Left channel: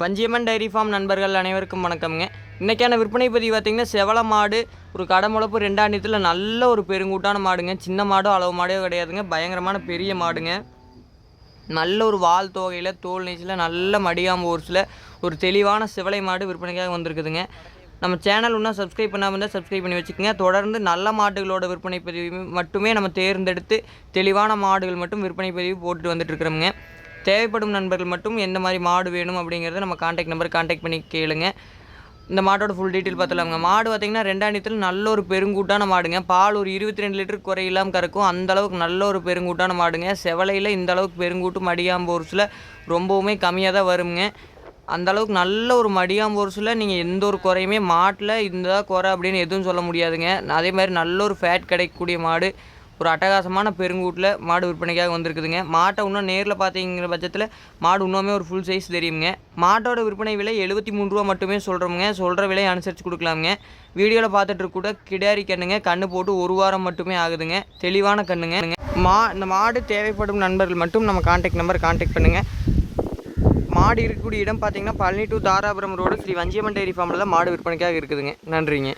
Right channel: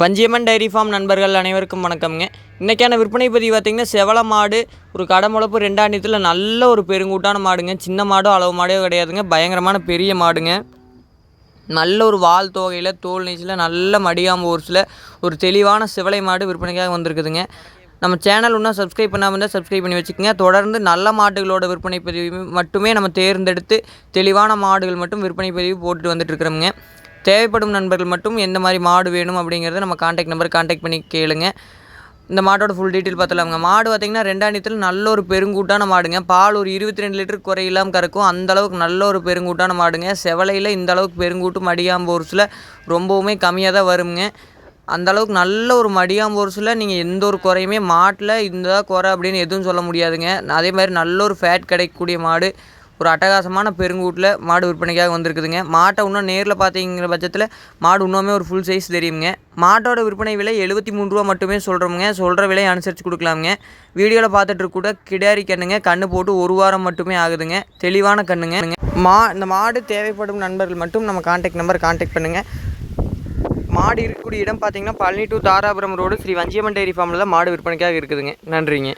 Vanjiamman dairy farm நண்பர்கள் அனைவருக்கும் வணக்கம்ங்க. இன்றைக்கான விற்பனை பதிவு பார்த்திங்கன்னா செவல மாடு ஒரு கடமுளப்பு 2 நல்ல ஒரு பெருங்கூட்டான மாடுங்க. சின்ன மாடோ அளவு மாடோ கிடையாதுங்க, பயங்கரமான பெரிய மாடுங்க. நல்ல ஒரு வால் தோகையில் தோல் நீச்சில் நல்ல மடியாம்பு ஊர்ஸில் ஒரு தெளிவான செவலை மாடு விற்பனைக்காக வந்திருக்குதுங்க. நம்ம சேனல் இன்னும் சப்ஸ்கிரைப் பண்ணாமல் இருந்தால் சப்ஸ்கிரைப் பண்ணி வச்சுக்கோங்க. தொடர்ந்து நல்ல மாடுகளோட விற்பனை பதிவு மட்டுமே நம்ம தேர்ந்தெடுத்து தெளிவான மாடுகள் மட்டும் விற்பனை பதிவு போட்டுட்டு வந்துட்டுருக்குறோங்க. தேவைப்படும் நண்பர்கள் மட்டும் எந்த மாதிரி மாடு வேணும் அப்படிங்கிறத நம்ம கான்டாக்ட் பண்ணி கேளுங்க. இந்த மாட்டோட ஃபுல் டீட்டெயில் பார்த்துலாமுங்க. மாடு பார்த்திங்கன்னா 2 நல்ல ஒரு பெருங்கூட்டான மாடுங்க. பால் ஒரு 22 லிட்டர் குறையில்லாமல் கறக்கும், அந்தளவுக்கு நல்ல ஒரு பெருங்கூட்டான மாடுங்க. செவலையில் இந்த அளவுக்கு பெருங்கூட்டு மடியாம்போர்ஸில் ரொம்பவுமே கம்மியாக தான் வருங்க. அந்தளவுக்கு நல்ல ஒரு மடியாம்போர்ஸில் நீங்கள் எந்த ஒரு குறையுமே மாட்டில் இந்த குறை அப்படின்னு எதுவும் சொல்ல முடியாதுங்க. அதே மாதிரி நல்ல ஒரு ஃபேட் கிடைக்கக்கூடிய மாடு, ஒரு அட்டகாசமான பெருங்கூட்டில் மாடு விற்பனைக்காக வந்திருக்குதுங்க. மாட்டை இன்னும் நேரில் பார்த்தீங்கிற பட்சத்தில் மாடு இன்னுமே ஒரு ஃபுல் சைஸ் தெரியுங்க. மாட்டோட விற்பனை விலை 73 ரூபா மட்டுமே சொல்கிறோமுங்க. சொல்கிற விலையை அனுசரித்து கொடுக்கலாமுங்க. வீடியோவில் பார்த்துட்டு கூட கிடாரி கண்ணுங்க, கண்ணு போட்டு 1 வாரம் மட்டுமே ஆகுதுங்க. தெளிவான கண்ணுங்க. இந்த மாடு தேவைப்படும் நண்பர்கள் மட்டும் நம்ம கான்டாக்ட் பண்ணுங்கள். மாடு இருக்கக்கூடிய இடம் பார்த்திங்கன்னா Palani to Dharapuram road Sri Vanchiyamman dairy ஃபார்மில் தான் மாடு விற்பனைக்காக இருக்குதுங்க. நன்றிங்க.